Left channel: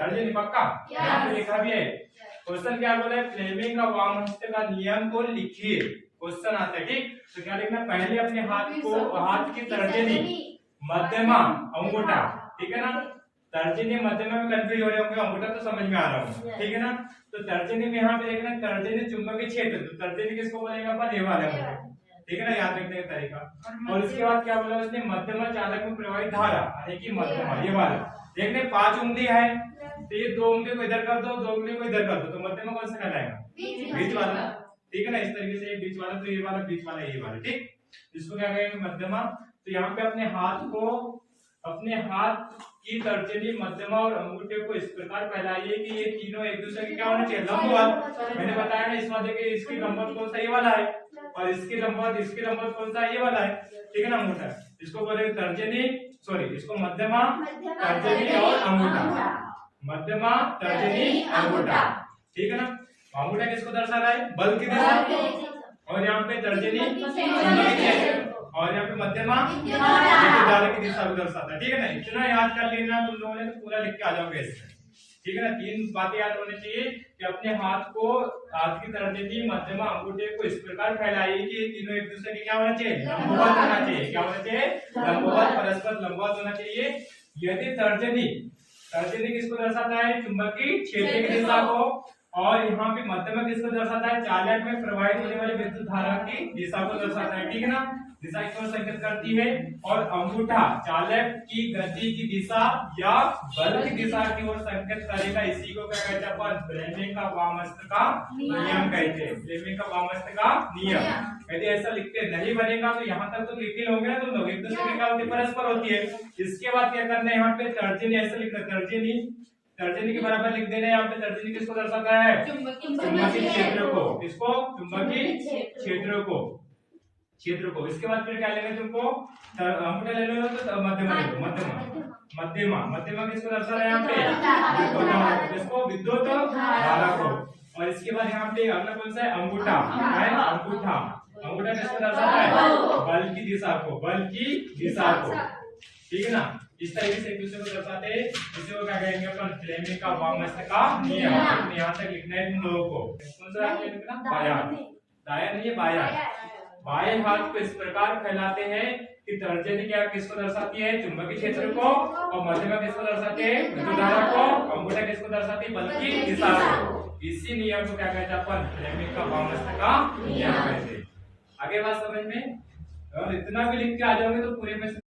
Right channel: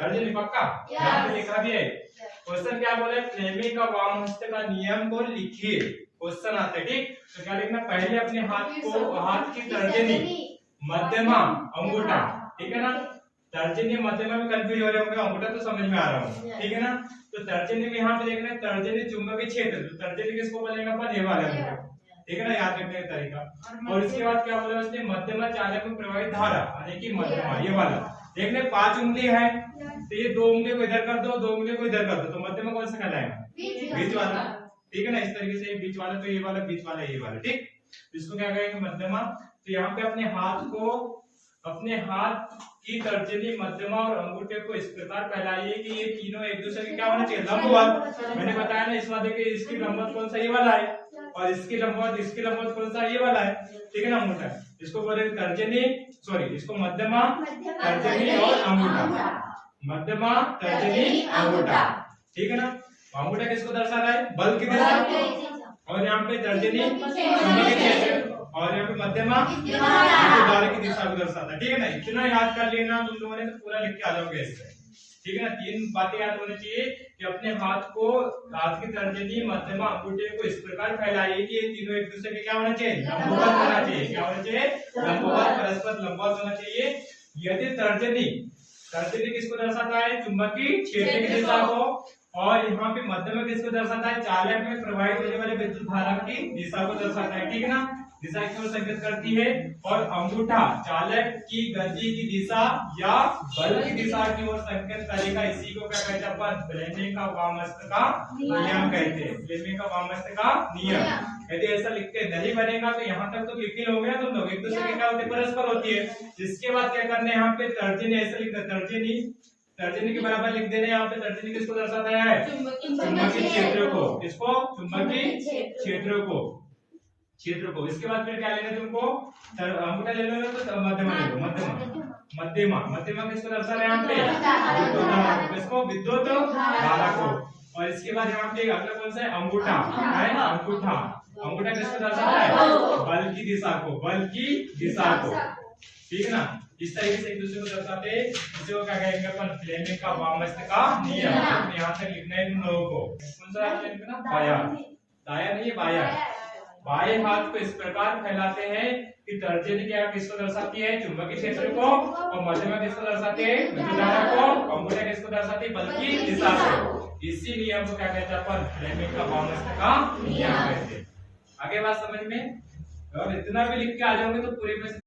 तर्जनी पक्का? यहाँ पे लिखा भी है। क्वेश्चन क्या बोला है? फ्लेमिंग का वाम हस्त का नियम को लिखिए। क्वेश्चन आता है, ठीक? तो क्या लिखना? पहले अपने हाथ की तर्जनी, मध्यमा, अंगूठा, ठीक है ना? तर्जनी मध्यमा में कंफ्यूज हो रहे होंगे, अंगूठा तो समझ में आ रहा होगा, ठीक है ना? तो तर्जनी में यहाँ पे देखना, तर्जनी चुंबकीय क्षेत्र, तो तर्जनी किसको बोलेंगे अपन? ये वाले को, ठीक है ना? याद रखने का तरीका। और इसके बाद क्या बोला उसने? मध्यमा चालक में प्रवाहित धारा, यानी कि मध्यमा, ये वाला। देखने 5 उंगली है, तो ये 2 उंगली को इधर कर दो, 2 उंगली को इधर कर दो, तो मध्यमा कौन सा कहलाएगा? बीच वाला, ठीक है ना? इस तरीके से बीच वाला, तो ये वाला बीच वाला, ये वाला, ठीक? इसको क्या कहेंगे? मध्यमा। तो यहाँ पे अपने हाथ की तर्जनी, मध्यमा और अंगूठे को इस प्रकार फैलाइए कि ये तीनों एक दूसरे के क्या होना चाहिए? लंबवत। मैंने बताया ना, इसमें देखिए इसकी लंबवत कौन सा? ये वाला है, और इसकी लंबवत कौन सा? ये वाला है, ठीक है ना? अंगूठा। इसको बोलेंगे तर्जनी, सॉरी, इसको मध्यमा, तर्जनी और अंगूठा। मध्यमा, तर्जनी, अंगूठा, ठीक है ना? अंगूठा किसको दर्शा रहा है? बल की दिशा, और यहाँ पे तर्जनी चुंबकीय क्षेत्र, और यहाँ पे मध्यमा धारा की दिशा को दर्शाता है, ठीक है ना? इतना याद कर लेना तुम लोगों ने, तो पूरा लिख के आ जाओगे इससे, ठीक है ना? 3 बातें याद होनी चाहिए कि अपने हाथ की तर्जनी, मध्यमा, अंगूठे को इस प्रकार फैलाइए कि ये तीनों एक दूसरे के क्या होना चाहिए? लंबवत होना चाहिए। क्या होना चाहिए? लंबवत, परस्पर लंबवत होना चाहिए। यदि तर्जनी किसको दर्शाता है? चुंबकीय क्षेत्र की दिशा को, और यहाँ पे मध्यमा किसको दर्शाता है? चालक में प्रवाहित होने वाली विद्युत धारा की दिशा को दर्शाता है, ठीक है ना? दिशा की ओर संकेत करती है। और अंगूठा चालक की गति की दिशा या बल की दिशा की ओर संकेत करेगा। इसी को क्या कहते हैं अपन? फ्लेमिंग का वामहस्त का नियम कहते हैं। फ्लेमिंग का वामहस्त का नियम। यदि ऐसा लिख के नहीं बनेगा तो यहाँ तक तो लिख ही लोगे ना तुम लोग, एक दूसरे की क्या होती है? परस्पर होती है। इसके बाद क्या करना है? यहाँ पे तर्जनी ऐसा लिखना, तर्जनी के बराबर लिख देना है। यहाँ पे तर्जनी किसको दर्शाता है? चुंबकीय क्षेत्र को। किसको? चुंबकीय क्षेत्र को। इसके बाद फिर क्या लेना है तुमको? अंगूठा ले लो, तो मध्यमा ले लो। मध्यमा किसको दर्शा रहा है? यहाँ पे विद्युत धारा को। किसको? विद्युत धारा को। और इसके बाद यहाँ पे अगला कौन सा है? अंगूठा है। अंगूठा किसको दर्शाता है? बल की दिशा को, ठीक है ना? इस तरीके से एक दूसरे को दर्शाते हैं। इसे को क्या कहेंगे अपन? फ्लेमिंग का वामहस्त का नियम। यहाँ तक लिखना है तुम लोगों को। कौन सा लिखना? बायां, दायां नहीं है, बायां। बाएं हाथ को इस प्रकार फैलाते हैं कि तर्जनी क्या किसको दर्शाती है? चुंबकीय क्षेत्र को, और मध्यमा किसको दर्शाते हैं? विद्युत धारा को, अंगूठा किसको दर्शाती है? बल की दिशा को। इसी नियम को क्या कहते हैं अपन? फ्लेमिंग का वामहस्त का नियम कहते हैं। आगे बात समझ में? और इतना भी लिख के आ जाओगे तो पूरे में